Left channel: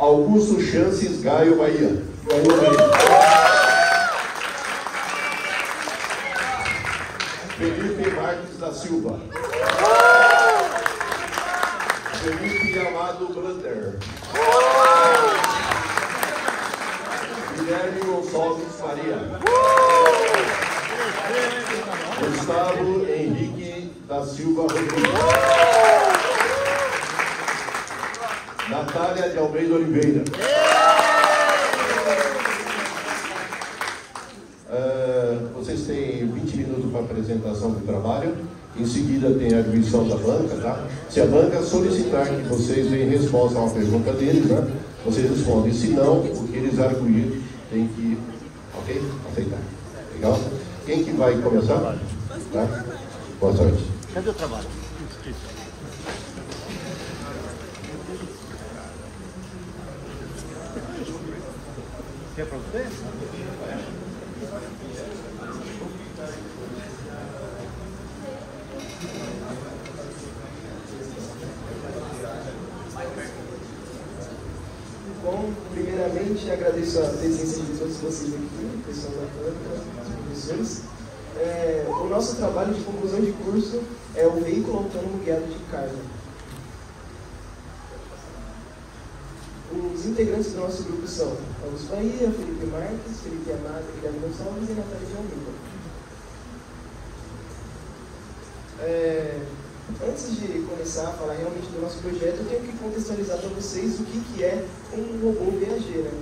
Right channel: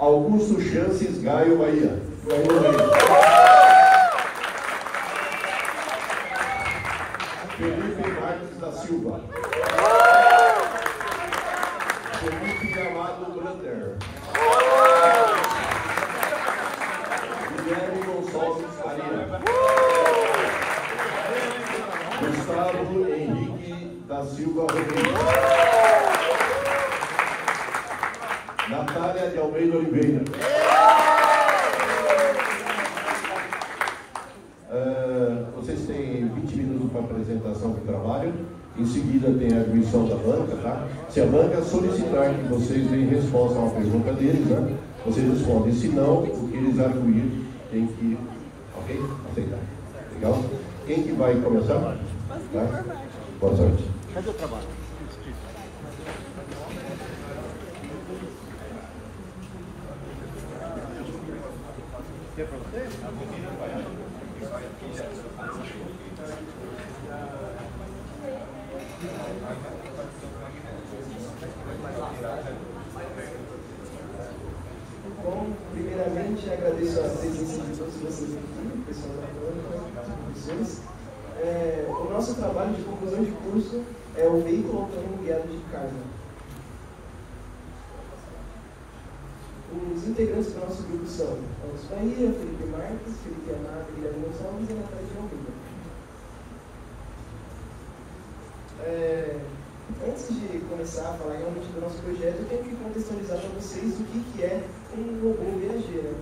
Augusto Chances Gaio Bahia. Felipe Marques da Silva. Felipe Amado Brander. Guilherme Gonçalves Faria. Gustavo Henrique da Silva Rodrigues. Natália de Almeida Oliveira. Vocês têm 20 minutos para a apresentação do trabalho. Em seguida tem a admissão da banca, tá? Se a banca solicitar que vocês deem resposta a uma pergunta deles, tá? Vocês respondem. Se não, o que eles arguírem tem que, ok? Aceitar. Legal? Quem que vai começar? Tá? Boa sorte. Cadê o trabalho? Quer para vocês? Bom, primeiramente agradeço a presença de todos vocês aqui, pessoal da banca, os professores. O nosso trabalho de conclusão de curso é o veículo autônomo guiado de carga. Os integrantes do nosso grupo são Augusto Bahia, Felipe Marques, Felipe Amado, Guilherme Gonçalves e Natália de Almeida. Antes de começar a falar realmente do nosso projeto, eu tenho que contextualizar para vocês o que é um robô viajeiro.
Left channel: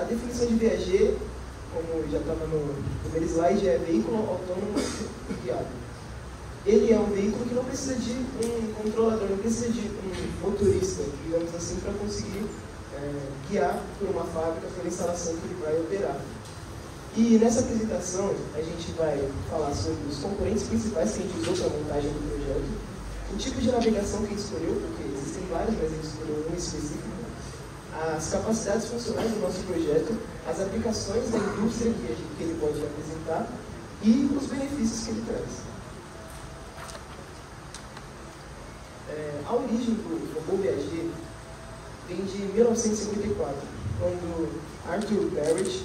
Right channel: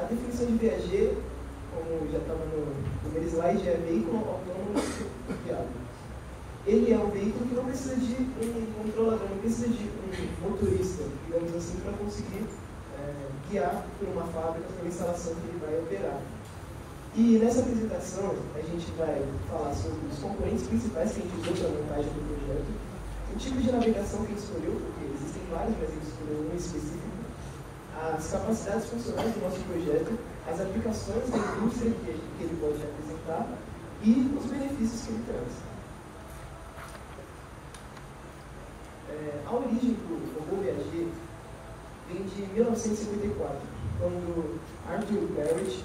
A definição de viajeiro, como já estava no primeiro slide, é veículo autônomo guiado. Ele é um veículo que não precisa de um controlador, não precisa de um motorista, digamos assim, para conseguir guiar por uma fábrica, pela instalação que ele vai operar. E nessa apresentação a gente vai falar sobre os componentes principais que a gente usou para a montagem do projeto, o tipo de navegação que a gente escolheu, porque existem vários, mas a gente escolheu um específico, as capacidades funcionais do nosso projeto, as aplicações da indústria que ele pode apresentar e os benefícios que ele traz. A origem do robô viajeiro vem de 1954, quando Arthur Barrett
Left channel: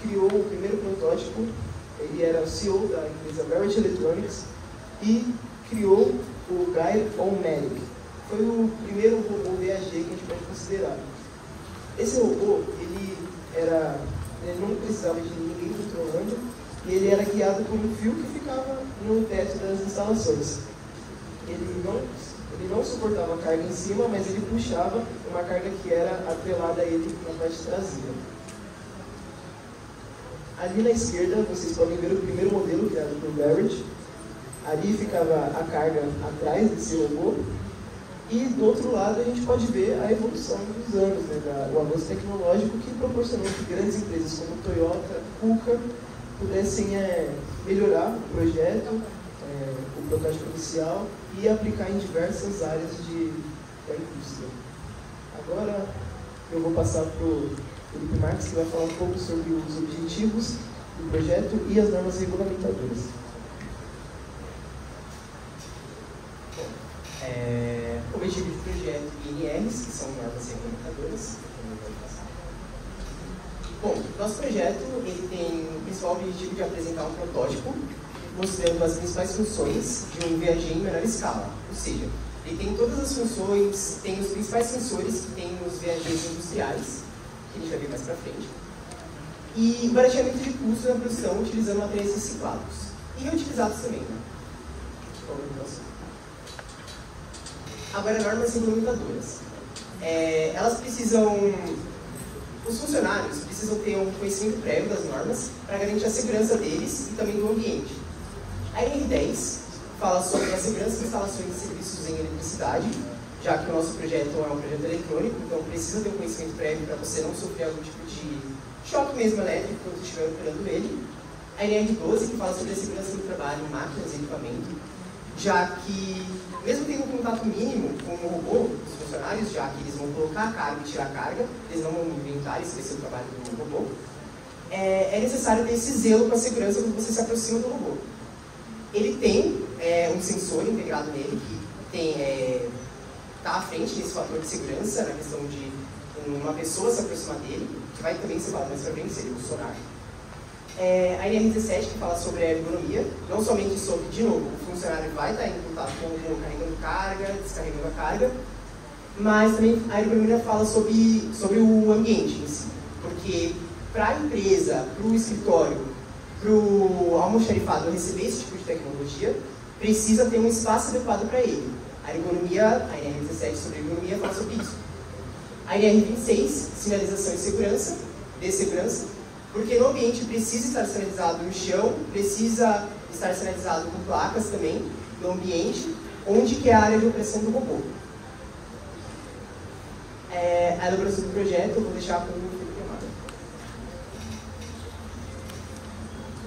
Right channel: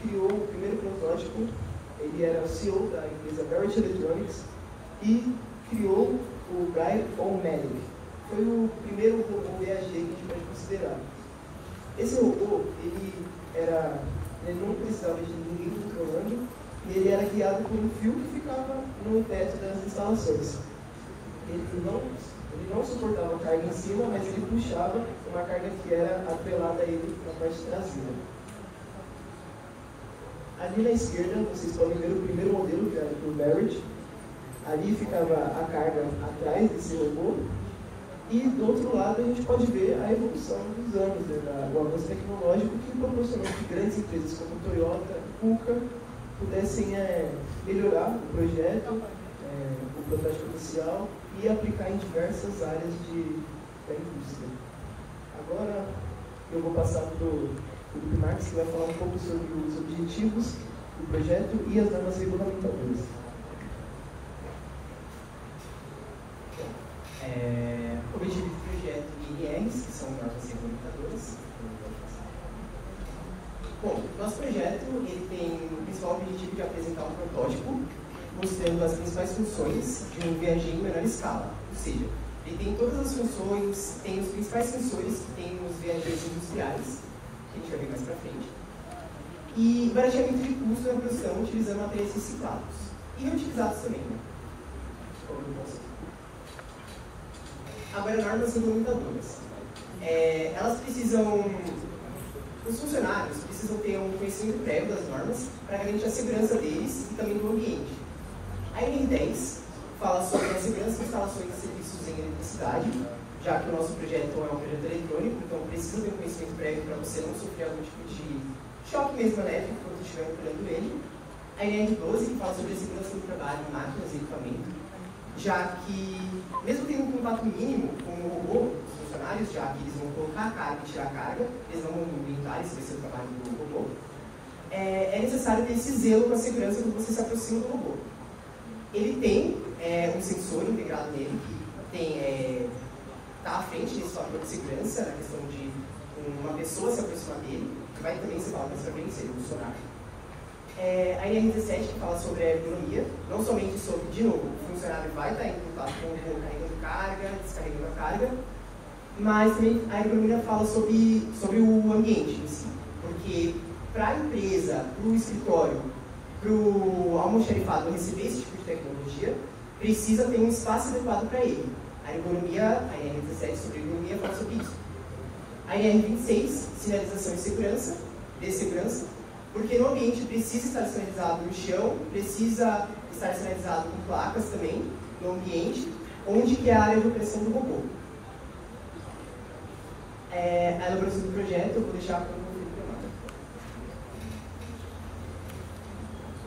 criou o primeiro protótipo. Ele era o CEO da empresa Barrett Electronics e criou o Guy O'Malley. Foi o primeiro robô viajeiro que a gente pode considerar. Esse robô, ele não precisava de ninguém controlando e ele era guiado por um fio que ficava no teto das instalações. Ele não suportava a carga em cima, mas ele puxava uma carga que era atrelada a ele na parte traseira. Ali na esquerda, vocês podem ver o primeiro modelo criado por Barrett. Ali ficava a carga atrás desse robô. E do outro lado, a gente pode ver a evolução dos anos, né, o avanço tecnológico que proporcionou que grandes empresas como Toyota, Kuka, pudessem melhorar o projeto, o protótipo inicial, e aplicar em diversas áreas da indústria. Agora eu vou passar para o Felipe Marques, que vai falar um pouco sobre os objetivos do projeto e as normas regulamentadoras. O objetivo do projeto INRs, que são normas regulamentadoras. Bom, nosso projeto ele tem o principal objetivo de apresentar um protótipo mostrando as principais funções de um viajeiro em menor escala. Ou seja, ele tem todas as funções, tem os principais sensores que tem nos viajeiros industriais, que a gente vai ver mais para frente, e barateamento de custos na produção utilizando materiais reciclados e reutilizados também. Né? Agora, normas regulamentadoras. Elas precisam, os funcionários precisam ter um conhecimento prévio das normas para garantir a segurança deles e também do ambiente. A NR10 fala sobre a segurança de instalações de serviços em eletricidade, já que o nosso projeto é um projeto eletrônico, então precisa ter um conhecimento prévio para você não sofrer algum tipo de choque mesmo elétrico quando estiver operando ele. A NR12, que fala sobre a segurança do trabalho, máquinas e equipamento, já que, mesmo tendo um contato mínimo com o robô, os funcionários, já que eles vão colocar a carga e tirar a carga, eles não vão inventar, esse vai ser o trabalho do robô, é necessário ter esse zelo com a segurança quando você se aproxima do robô. Ele tem um sensor integrado nele, que frente nesse fator de segurança, na questão de uma pessoa se aproximar dele, que vai também ser falado mais pra frente, seria o funcionário. A NR17 que fala sobre a ergonomia, não somente sobre, de novo, o funcionário vai estar em contato com o robô carregando carga, descarregando a carga, mas também a ergonomia fala sobre o ambiente em si, porque para a empresa, para o escritório, para o almoxarifado receber esse tipo de tecnologia, precisa ter um espaço adequado para ele. A ergonomia, a NR17 sobre ergonomia fala sobre isso. A NR26, sinalização de segurança, porque no ambiente precisa estar sinalizado no chão, precisa estar sinalizado com placas também no ambiente, onde que é a área de operação do robô. A elaboração do projeto eu vou deixar com o Felipe Amado.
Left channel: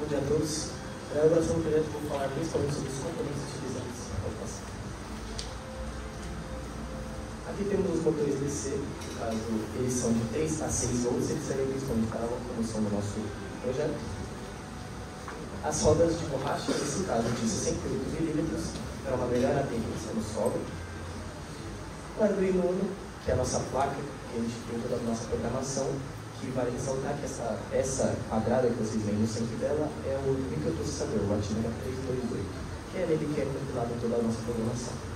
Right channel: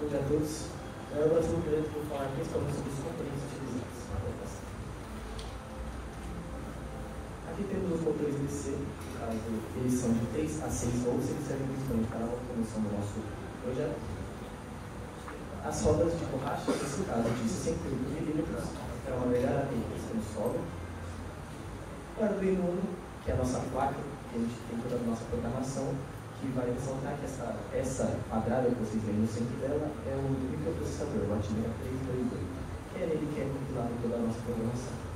Bom dia a todos. Na elaboração do projeto eu vou falar principalmente sobre os componentes utilizados. Aqui temos os motores DC, no caso, eles são de 3 a 6 volts, eles servem principalmente para a locomoção do nosso projeto. As rodas de borracha, nesse caso de 68 milímetros, para uma melhor atendência no solo. O Arduino Uno, que é a nossa placa, que a gente tem toda a nossa programação, que vai ressaltar que essa peça quadrada que vocês veem no centro dela é o microprocessador, o Atmega 328, que é nele que é compilado toda a nossa programação.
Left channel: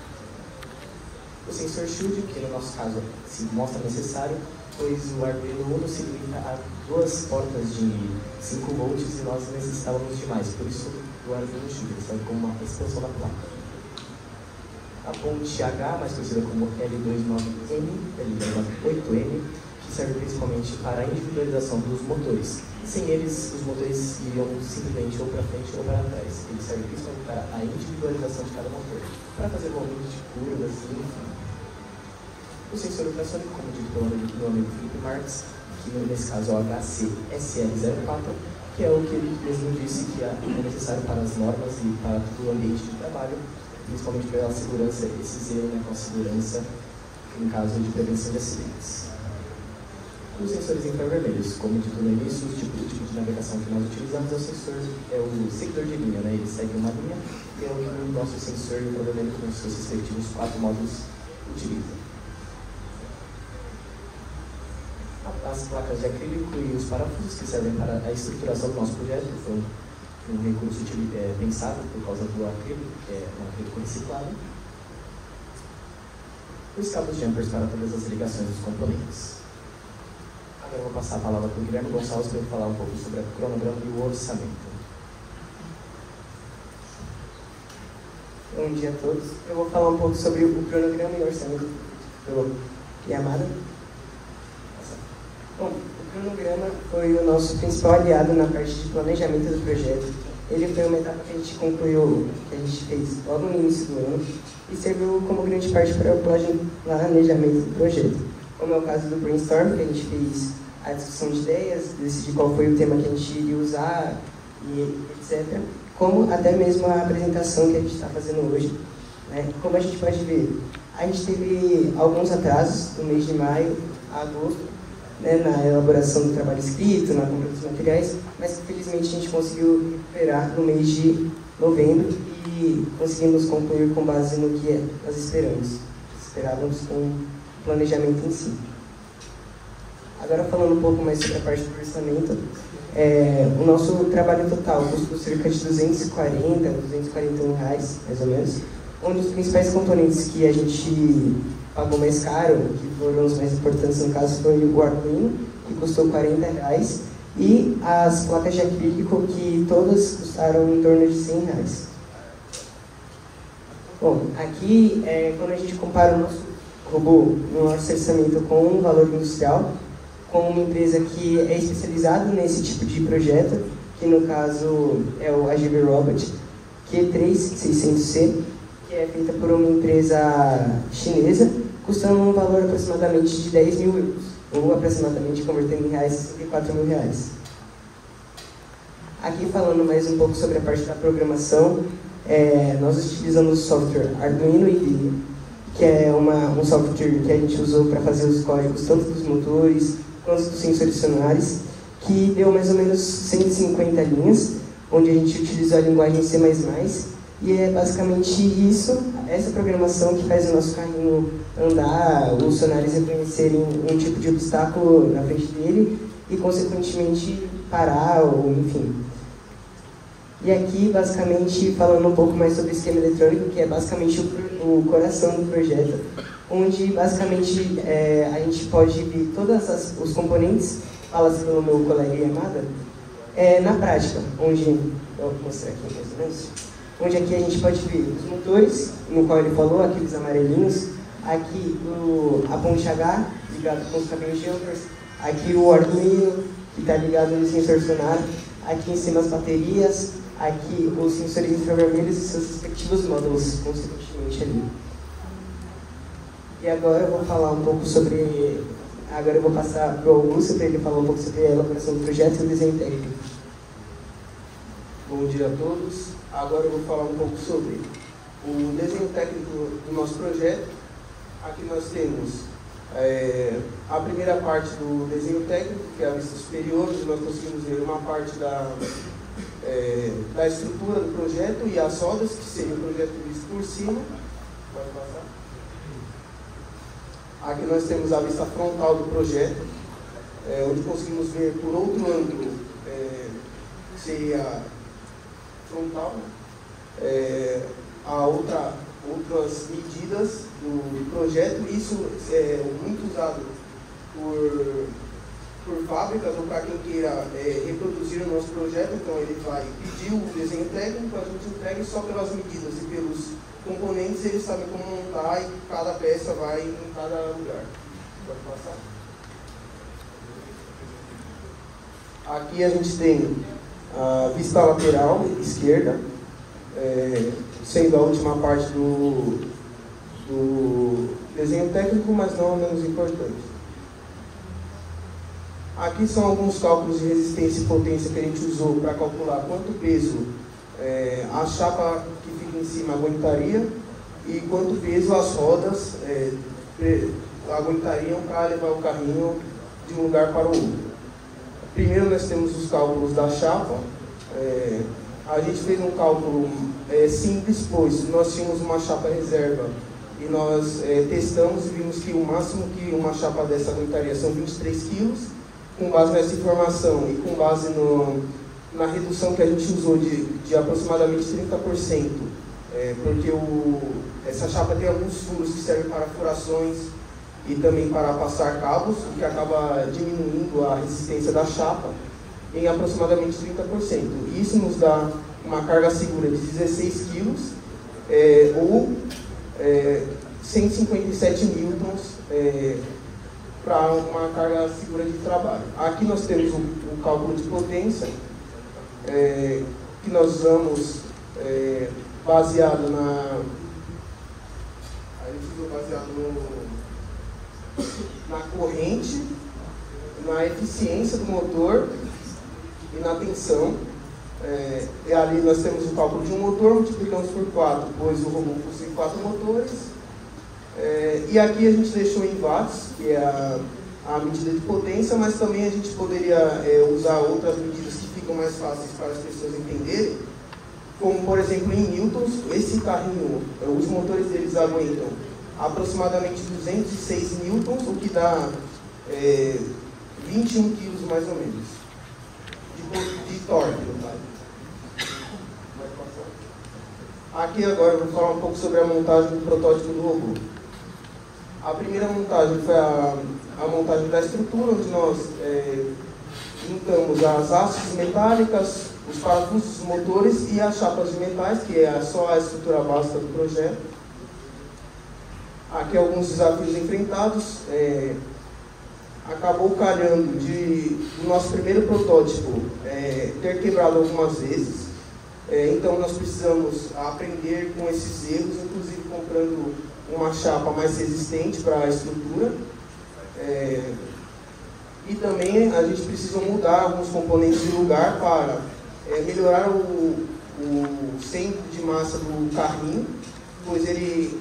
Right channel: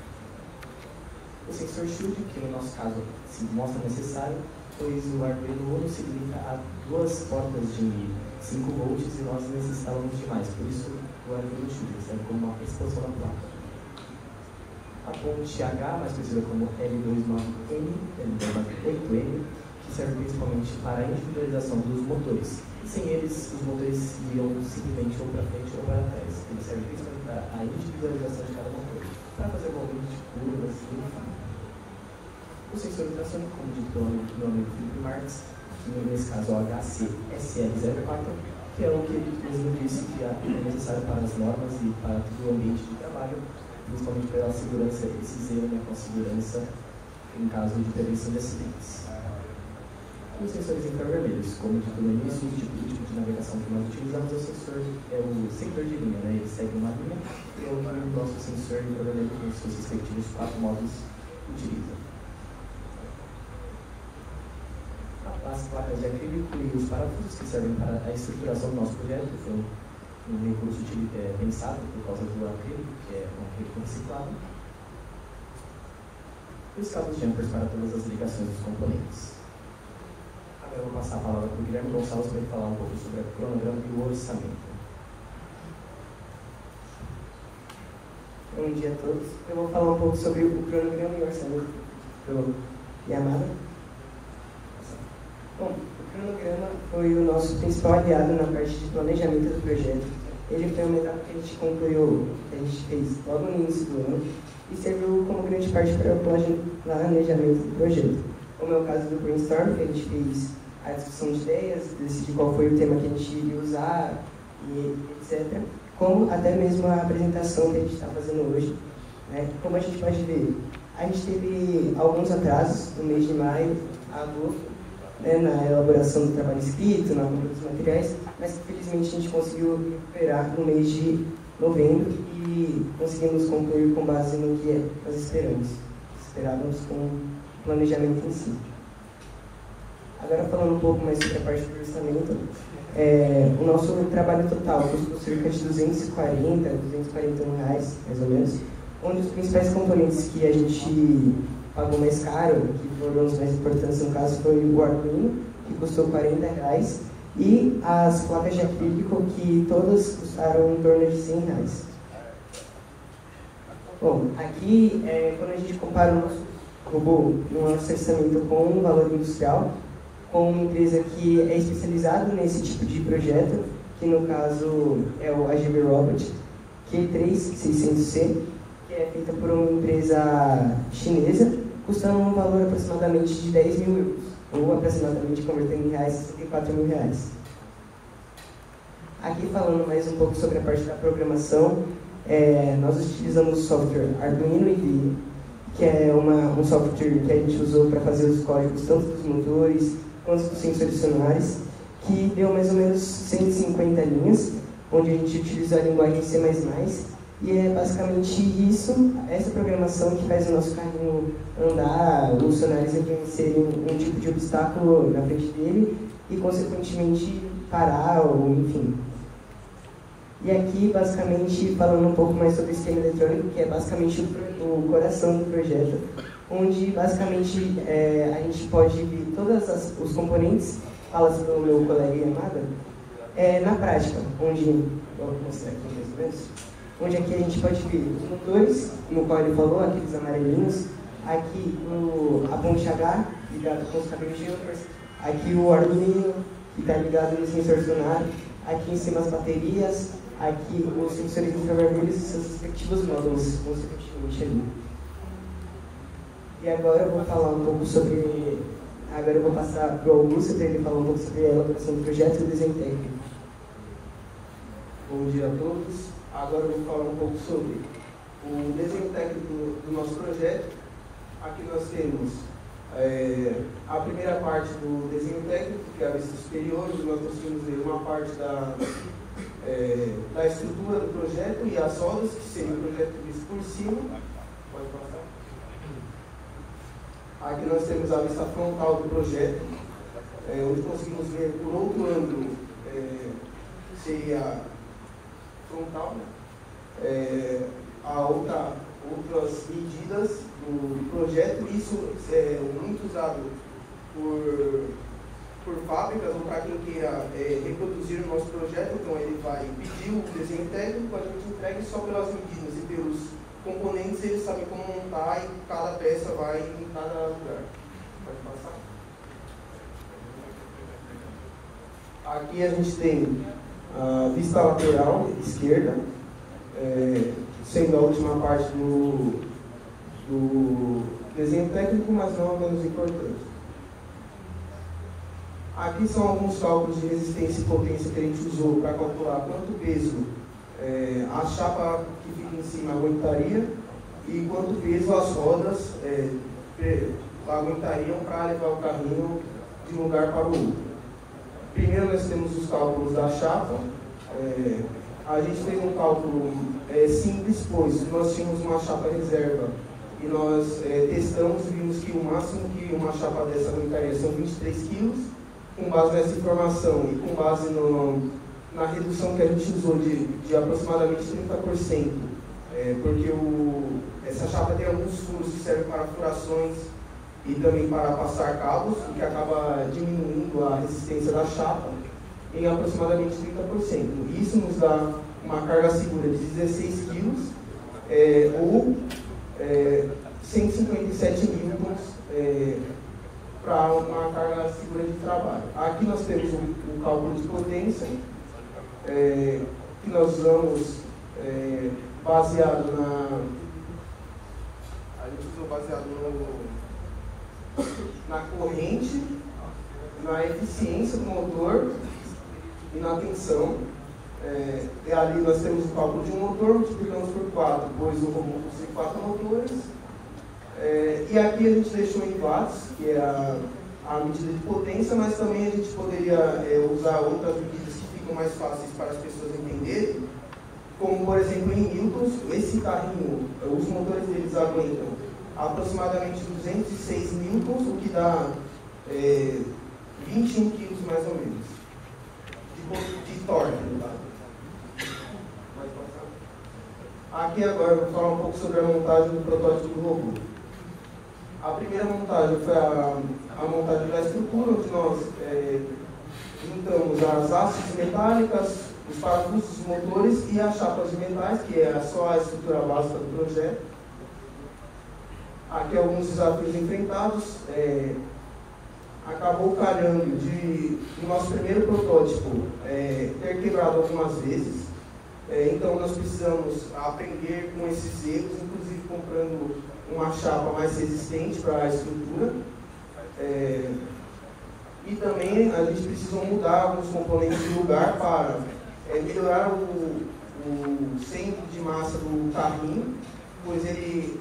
O sensor Shield, que no nosso caso se mostra necessário, pois o Arduino Uno se limita a 2 portas de 5 volts e nós necessitávamos de mais, por isso o Arduino Shield serve como uma expansão da placa. A ponte H, mais conhecida como L29N, L29.8N, que serve principalmente para a individualização dos motores. E sem eles, os motores iriam simplesmente ou para frente ou para trás. Ele serve principalmente para a individualização de cada motor, para fazer movimentos de curvas, enfim. O sensor ultrassônico, como dito pelo meu amigo Felipe Marques, que nesse caso é o HC-SL04, que é o que ele mesmo disse que é necessário para as normas e para todo o ambiente de trabalho, principalmente pela segurança, esse zelo, né, com a segurança em caso de prevenção de acidentes. Os sensores infravermelhos, como dito no início, o tipo de navegação que nós utilizamos é o seguidor de linha, né? Ele segue uma linha e é o que o nosso sensor infravermelho com os seus respectivos 4 módulos utiliza. As placas de acrílico e os parafusos que servem para a estruturação do nosso projeto foi um recurso pensado por causa do acrílico, que é um acrílico reciclado. Os cabos jumpers para todas as ligações dos componentes. Agora eu vou passar a palavra para o Guilherme Gonçalves para ele falar um pouco sobre o cronograma e o orçamento. Bom dia a todos. Eu vou falar um pouco sobre o cronograma e o orçamento do Yamada. Bom, o cronograma foi o nosso principal aliado na parte de planejamento do projeto. Ele foi uma etapa que a gente concluiu, que a gente fez logo no início do ano e serviu como grande parte para o planejamento do projeto. Como é o caso do brainstorm, que a gente fez a discussão de ideias, decidir qual foi o tema que a gente iria usar, e etc. Como até mesmo a apresentação que a gente está fazendo hoje. Como a gente pode ver, a gente teve alguns atrasos no mês de maio a agosto, na elaboração do trabalho escrito, na compra dos materiais, mas felizmente a gente conseguiu recuperar no mês de novembro e conseguimos concluir com base no que nós esperávamos com o planejamento em si. Agora falando um pouco mais sobre a parte do orçamento, o nosso trabalho total custou cerca de R$241, mais ou menos. Um dos principais componentes que a gente pagou mais caro, que foram os mais importantes no caso, foi o Arduino, que custou R$40, e as placas de acrílico, que todas custaram em torno de R$100. Bom, aqui, quando a gente compara o nosso robô no nosso orçamento com um valor industrial, com uma empresa que é especializada nesse tipo de projeto, que no caso é o AGV Robot Q3600C, que é feita por uma empresa chinesa, custando um valor aproximadamente de 10 mil euros, ou aproximadamente convertendo em reais, R$4.000. Aqui falando mais um pouco sobre a parte da programação, nós utilizamos o software Arduino IDE, que é um software que a gente usou para fazer os códigos tanto dos motores quanto dos sensores sonares, que deu mais ou menos 150 linhas, onde a gente utilizou a linguagem C++, E é basicamente isso, essa programação que faz o nosso carrinho andar, os funcionários reconhecerem um tipo de obstáculo na frente dele e, consequentemente, parar, ou enfim. E aqui, basicamente, falando um pouco mais sobre o esquema eletrônico, que é basicamente o coração do projeto, onde, basicamente, a gente pode ver todos os componentes, fala-se pelo meu colega Yamada, na prática, onde, vou mostrar aqui mais ou menos, onde aqui a gente pode ver os motores, como o qual ele falou, aqueles amarelinhos, aqui a ponte H, ligado com os caminhos jumpers, aqui o Arduino, que está ligado no sensor sonar, aqui em cima as baterias, aqui os sensores infravermelhos e seus respectivos módulos, consequentemente ali. E agora eu vou falar um pouco sobre... Agora eu vou passar para o Augusto para ele falar um pouco sobre a elaboração do projeto e o desenho técnico. Bom dia a todos. Agora eu vou falar um pouco sobre o desenho técnico do nosso projeto. Aqui nós temos a primeira parte do desenho técnico, que é a vista superior, onde nós conseguimos ver uma parte da estrutura do projeto e as rodas, que seria o projeto visto por cima. Pode passar. Aqui nós temos a vista frontal do projeto, onde conseguimos ver por outro ângulo, que seria frontal, outras medidas do projeto. Isso é muito usado por fábricas ou para quem queira reproduzir o nosso projeto. Então ele vai pedir o desenho técnico, a gente entrega só pelas medidas e pelos componentes ele sabe como montar e cada peça vai em cada lugar. Pode passar. Aqui a gente tem a vista lateral esquerda, sendo a última parte do desenho técnico, mas não a menos importante. Aqui são alguns cálculos de resistência e potência que a gente usou para calcular quanto peso a chapa que fica em cima aguentaria e quanto peso as rodas aguentariam para levar o carrinho de um lugar para o outro. Primeiro nós temos os cálculos da chapa. A gente fez um cálculo simples, pois nós tínhamos uma chapa reserva e nós testamos e vimos que o máximo que uma chapa dessa aguentaria são 23 kg. Com base nessa informação e com base na redução que a gente usou de aproximadamente 30%, porque essa chapa tem alguns furos que servem para furações e também para passar cabos, o que acaba diminuindo a resistência da chapa em aproximadamente 30%. Isso nos dá uma carga segura de 16 kg ou 157 newtons para uma carga segura de trabalho. Aqui nós temos um cálculo de potência que nós usamos baseado na corrente, na eficiência do motor e na tensão. Ali nós temos o cálculo de um motor, multiplicamos por 4, pois o robô possui 4 motores. E aqui a gente deixou em watts, que é a medida de potência, mas também a gente poderia usar outras medidas que ficam mais fáceis para as pessoas entenderem, como por exemplo em newtons. Esse carrinho, os motores deles aguentam aproximadamente 206 newtons, o que dá 21 kg mais ou menos de torque. Tá? Aqui agora eu vou falar um pouco sobre a montagem do protótipo do robô. A primeira montagem foi a montagem da estrutura, onde nós juntamos as hastes metálicas, os parafusos, os motores e as chapas de metais, que é só a estrutura básica do projeto. Aqui alguns desafios enfrentados. Acabou calhando do nosso primeiro protótipo ter quebrado algumas vezes. Então nós precisamos aprender com esses erros, inclusive comprando uma chapa mais resistente para a estrutura. E também a gente precisa mudar alguns componentes de lugar para melhorar o centro de massa do carrinho, pois ele,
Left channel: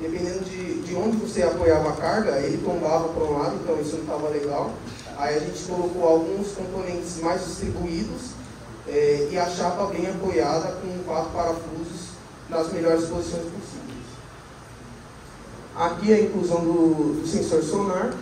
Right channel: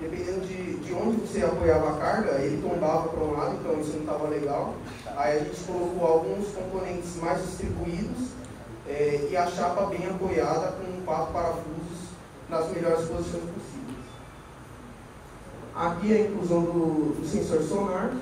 dependendo de onde você apoiava a carga, ele tombava para um lado, então isso não estava legal. Aí a gente colocou alguns componentes mais distribuídos, e a chapa bem apoiada com 4 parafusos nas melhores posições possíveis. Aqui a inclusão do sensor sonar.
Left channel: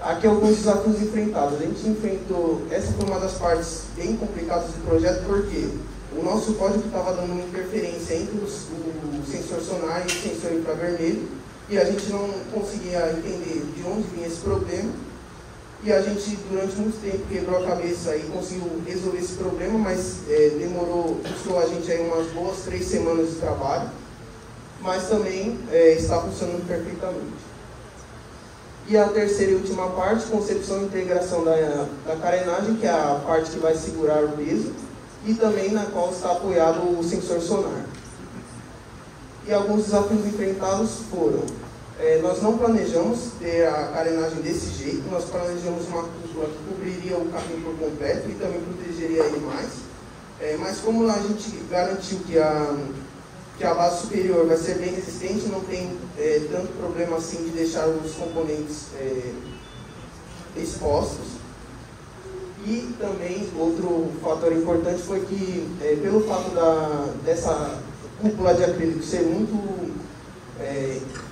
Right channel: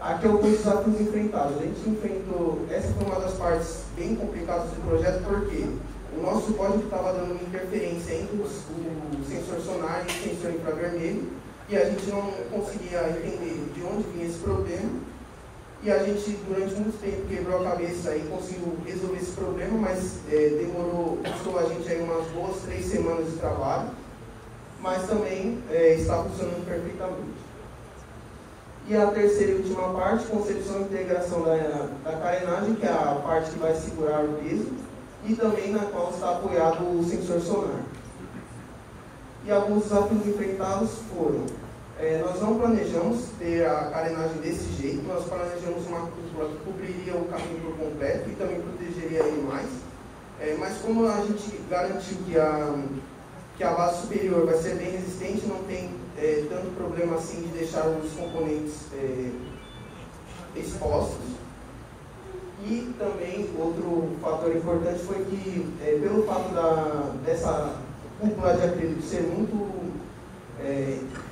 Aqui alguns desafios enfrentados. A gente enfrentou, essa foi uma das partes bem complicadas do projeto, porque o nosso código estava dando uma interferência entre o sensor sonar e o sensor infravermelho, e a gente não conseguia entender de onde vinha esse problema, e a gente durante muito tempo quebrou a cabeça e conseguiu resolver esse problema, mas custou a gente aí umas boas 3 semanas de trabalho, mas também está funcionando perfeitamente. E a terceira e última parte, concepção e integração da carenagem, que é a parte que vai segurar o peso, e também na qual está apoiado o sensor sonar. E alguns desafios enfrentados foram, nós não planejamos ter a carenagem desse jeito, nós planejamos uma cúpula que cobriria o caminho por completo e também protegeria ele mais, mas como a gente garantiu que a base superior vai ser bem resistente, não tem tanto problema assim de deixar os componentes expostos. E também outro fator importante foi que, pelo fato dessa cúpula de acrílico ser muito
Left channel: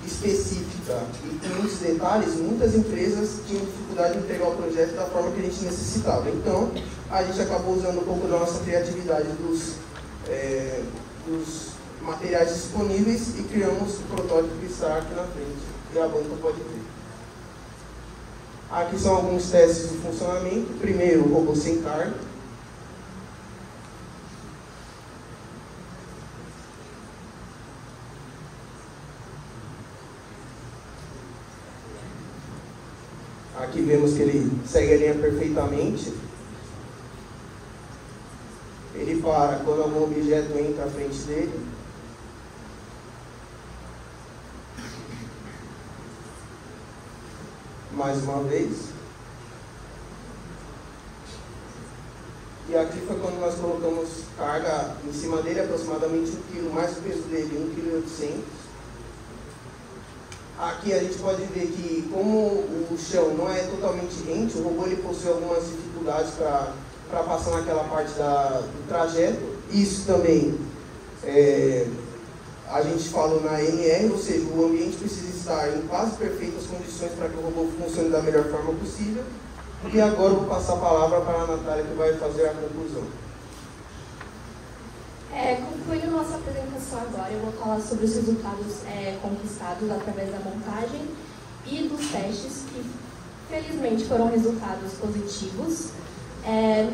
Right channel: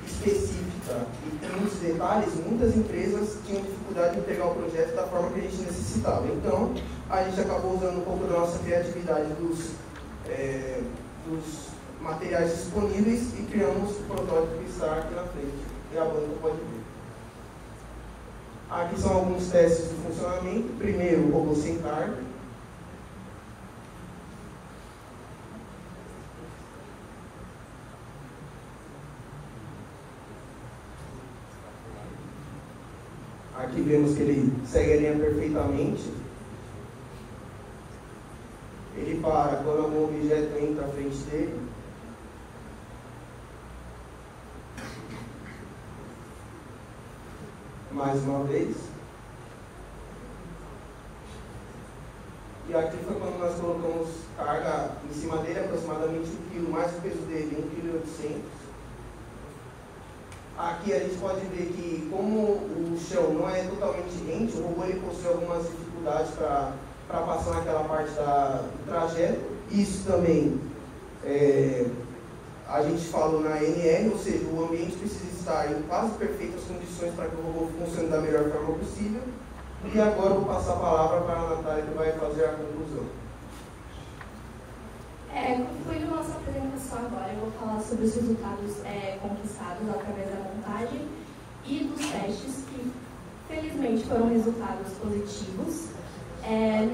específica e com muitos detalhes, muitas empresas tinham dificuldade de entregar o projeto da forma que a gente necessitava. Então, a gente acabou usando um pouco da nossa criatividade dos materiais disponíveis e criamos o protótipo que está aqui na frente, e a banca pode ver. Aqui são alguns testes de funcionamento. Primeiro, o robô sem carga. Aqui vemos que ele segue a linha perfeitamente. Ele para quando algum objeto entra à frente dele. Mais uma vez. E aqui foi quando nós colocamos carga em cima dele, aproximadamente 1 kg, mais o peso dele, 1,8 kg. Aqui a gente pode ver que, como o chão não é totalmente rente, o robô ele possui algumas dificuldades para passar naquela parte do trajeto. Isso também a gente falou na NR, ou seja, o ambiente precisa estar em quase perfeitas condições para que o robô funcione da melhor forma possível. E agora eu vou passar a palavra para a Natália, que vai fazer a conclusão. Concluindo nossa apresentação agora, eu vou falar sobre os resultados conquistados através da montagem e dos testes, que felizmente foram resultados positivos,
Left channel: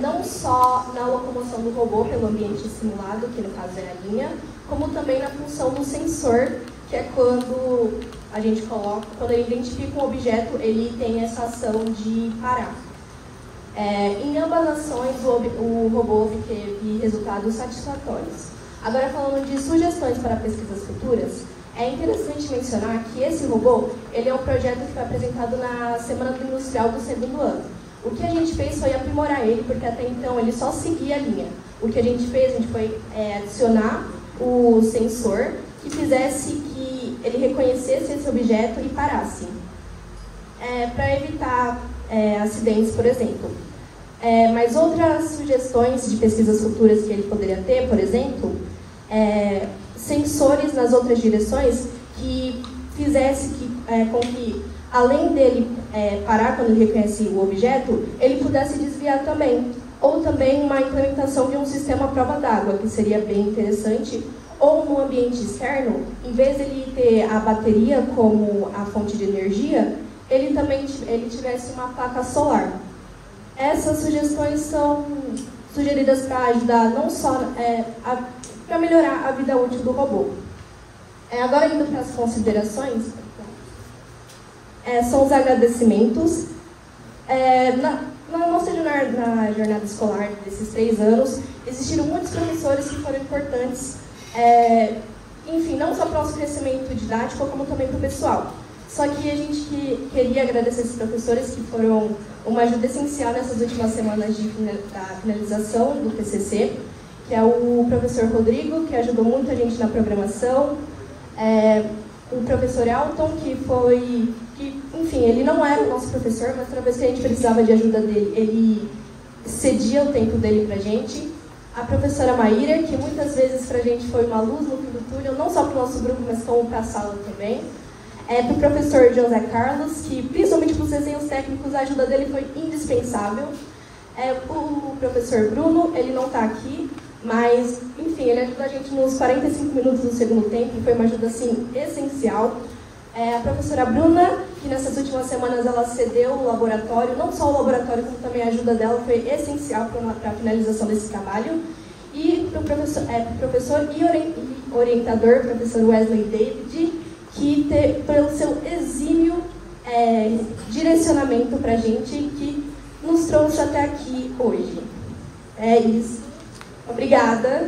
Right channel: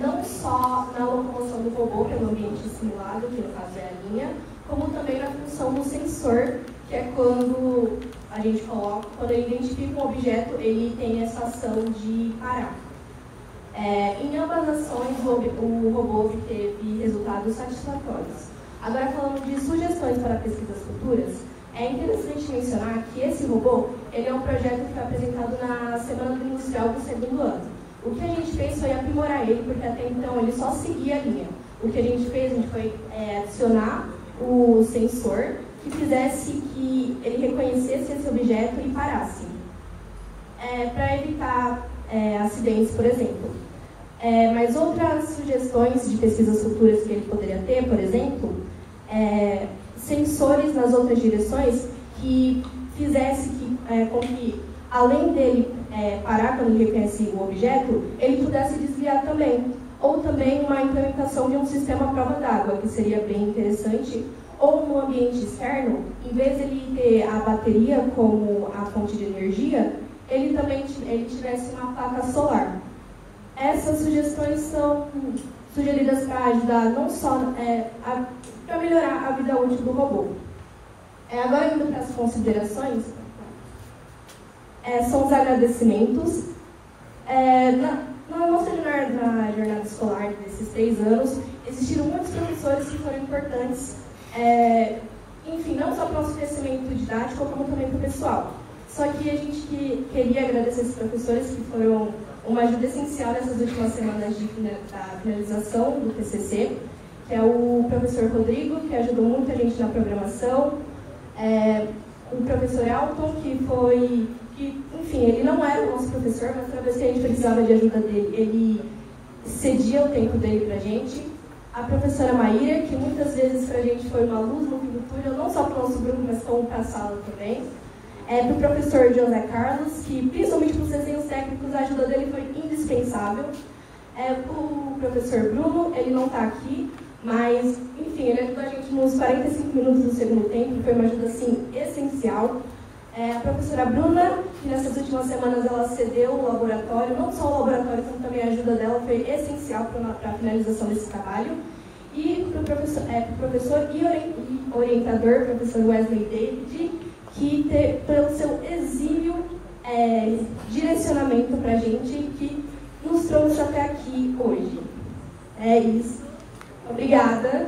não só na locomoção do robô pelo ambiente simulado, que no caso é a linha, como também na função do sensor, que é quando a gente coloca, quando ele identifica um objeto, ele tem essa ação de parar. Em ambas as ações, o robô obteve resultados satisfatórios. Agora, falando de sugestões para pesquisas futuras, é interessante mencionar que esse robô ele é um projeto que foi apresentado na Semana do Industrial do 2º ano. O que a gente fez foi aprimorar ele, porque até então ele só seguia a linha. O que a gente fez foi adicionar o sensor que fizesse que ele reconhecesse esse objeto e parasse, para evitar acidentes, por exemplo. Mas outras sugestões de pesquisas futuras que ele poderia ter, por exemplo, sensores nas outras direções que fizesse com que, além dele parar quando ele reconhece o objeto, ele pudesse desviar também. Ou também uma implementação de um sistema à prova d'água, que seria bem interessante. Ou no ambiente externo, em vez de ele ter a bateria como a fonte de energia, ele também tivesse uma placa solar. Essas sugestões são sugeridas para ajudar não só para melhorar a vida útil do robô. Agora, indo para as considerações, são os agradecimentos. Na nossa jornada escolar desses 3 anos, existiram muitos professores que foram importantes, enfim, não só para o nosso crescimento didático, como também para o pessoal. Só que a gente queria agradecer esses professores que foram uma ajuda essencial nessas últimas semanas da finalização do TCC, que é o professor Rodrigo, que ajudou muito a gente na programação, o professor Elton, enfim, ele não era o nosso professor, mas toda vez que a gente precisava de ajuda dele, ele cedia o tempo dele para a gente. A professora Maíra, que muitas vezes para a gente foi uma luz no fim do túnel, não só para o nosso grupo, mas como para a sala também. Para o professor José Carlos, que principalmente para os desenhos técnicos, a ajuda dele foi indispensável. O professor Bruno, ele não está aqui, mas, enfim, ele ajudou a gente nos 45 minutos do segundo tempo, e foi uma ajuda, assim, essencial. A professora Bruna, que nessas últimas semanas ela cedeu o laboratório, não só o laboratório, como também a ajuda dela foi essencial para a finalização desse trabalho. E para o professor e orientador, professor Wesley David, que pelo seu exímio direcionamento para a gente, que nos trouxe até aqui hoje. É isso. Obrigada.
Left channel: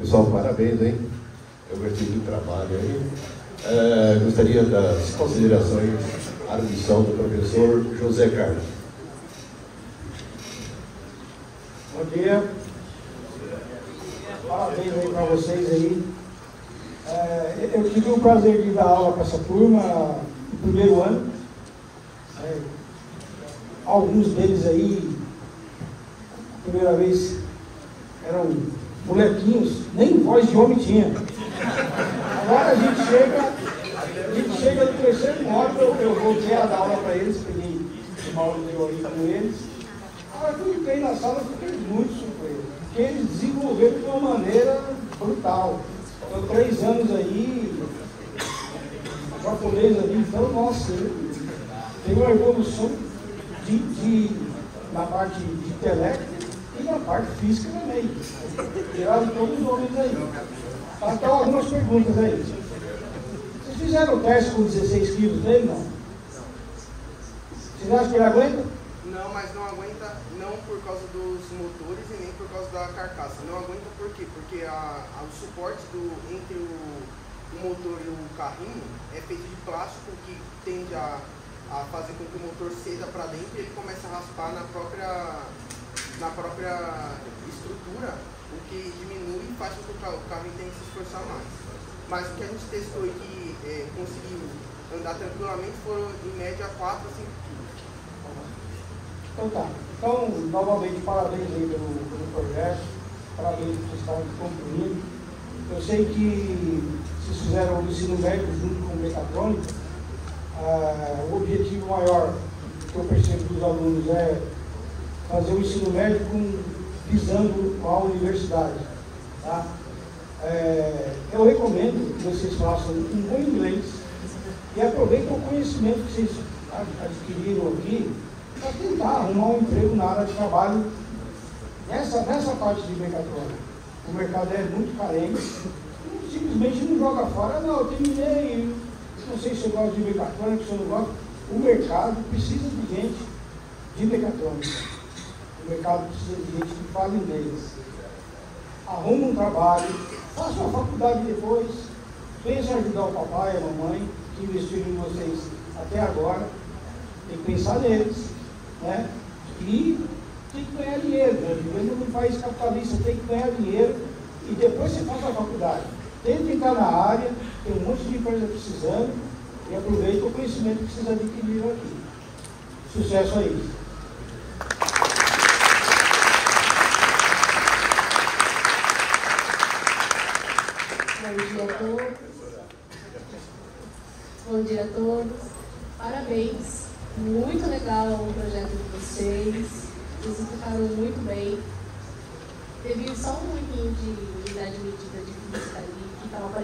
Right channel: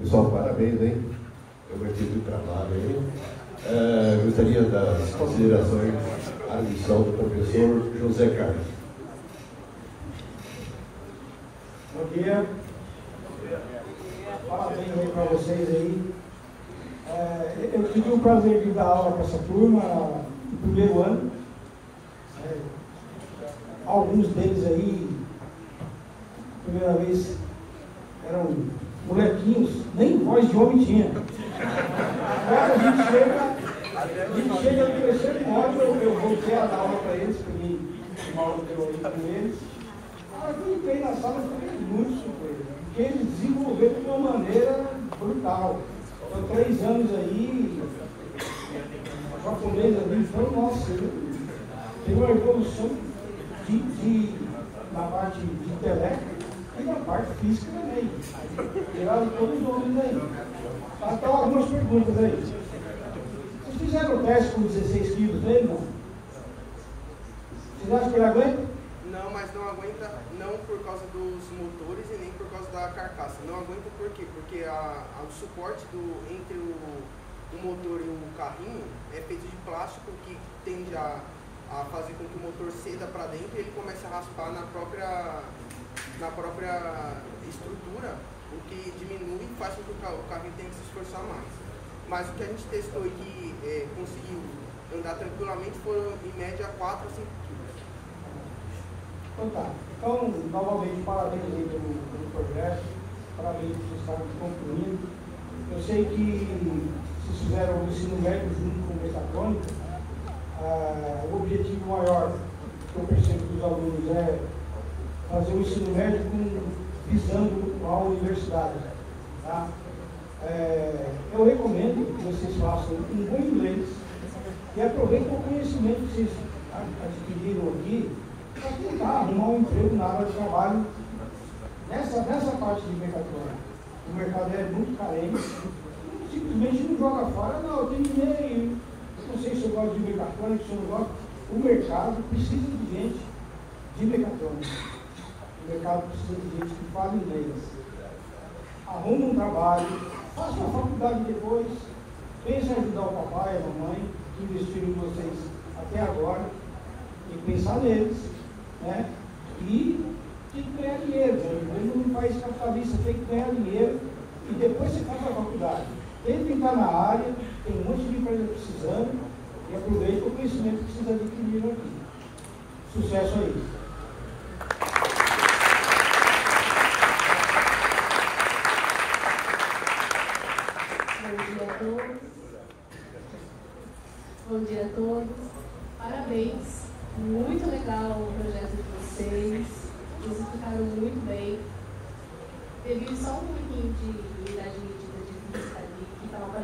Pessoal, parabéns, hein? Eu gostei do trabalho aí. Gostaria das considerações à missão do professor José Carlos. Bom dia. Parabéns aí para vocês aí. Eu tive o prazer de dar aula para essa turma no primeiro ano. Alguns deles aí, primeira vez, eram molequinhos, nem voz de homem tinha. Agora a gente chega no terceiro ano, eu voltei a dar aula para eles, peguei uma aula de teoria com eles. Agora que eu entrei na sala, eu fiquei muito surpreso, porque eles desenvolveram de uma maneira brutal. São 3 anos aí, japonês ali, então, nossa, tem uma evolução na parte de intelecto e na parte física também. Tiraram todos os homens aí. Então, algumas perguntas aí. Vocês fizeram o teste com 16 quilos dele, não? Vocês acham que ele aguenta? Não, mas não aguenta não por causa dos motores e nem por causa da carcaça. Não aguenta por quê? Porque o suporte entre o motor e o carrinho é feito de plástico que tende a fazer com que o motor ceda para dentro e ele comece a raspar na própria estrutura, o que diminui e faz com que o carro tenha que se esforçar mais. Mas o que a gente testou e que conseguiu andar tranquilamente foram em média 4 a 5 kg. Então tá. Então, novamente, parabéns aí pelo progresso, parabéns por estar concluindo. Eu sei que vocês fizeram o ensino médio junto com o mecatrônico. O objetivo maior que eu percebo dos alunos é fazer o ensino médio visando a universidade. Tá? Eu recomendo que vocês façam um bom inglês e aproveitem o conhecimento que vocês adquiriram aqui para tentar arrumar um emprego na área de trabalho nessa parte de mecatrônica. O mercado é muito carente, simplesmente não joga fora, não, eu terminei, não sei se eu gosto de mecatrônica, se eu não gosto. O mercado precisa de gente de mecatrônica. O mercado precisa de gente que fala inglês. Arruma um trabalho, faça uma faculdade depois, pense em ajudar o papai e a mamãe que investiram em vocês até agora. Tem que pensar neles, né? E tem que ganhar dinheiro. Não faz capitalista, tem que ganhar dinheiro e depois você faz a faculdade. Tem que entrar na área, tem um monte de empresa precisando e aproveite o conhecimento que vocês adquiriram aqui. Sucesso a isso. Bom dia a todos. Parabéns. Muito legal o projeto de vocês. Vocês explicaram muito bem. Teve só um pouquinho